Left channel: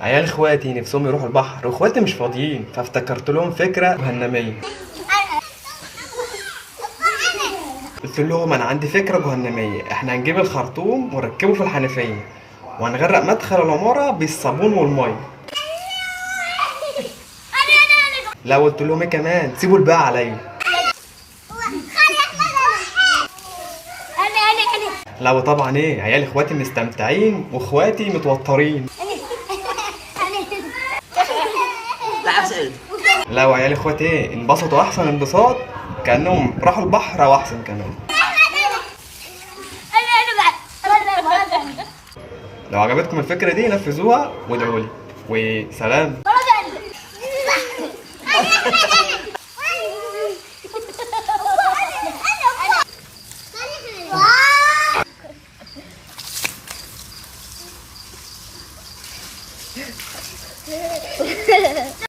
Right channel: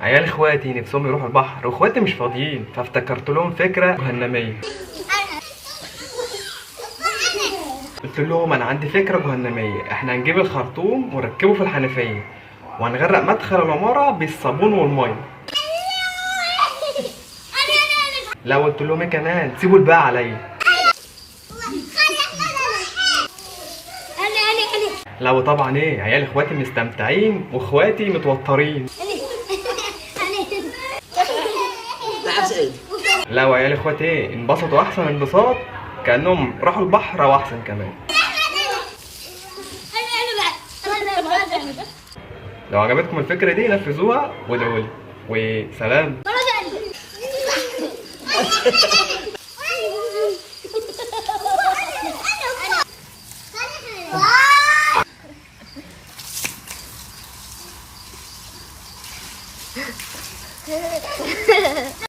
عيال اخواتي نفسهم يروحوا البحر واخواتي مش فاضيين، فافتكرت لهم فكره جهنميه. قلت لهم انا عندي فكره جهنميه، احنا هنجيب الخرطوم ونركبه في الحنفيه وهنغرق مدخل العماره بالصابون والميه. لا، قلت لهم ايه كمان، سيبوا الباقي عليا. لا وطبعا ايه، عيال اخواتي مستمتعين واخواتي متوترين. لا وعيال اخواتي ايه انبسطوا احسن انبساط، كانهم راحوا البحر او احسن كمان. لو عجبتكم الفكره دي نفذوها وادعوا لي وسلام.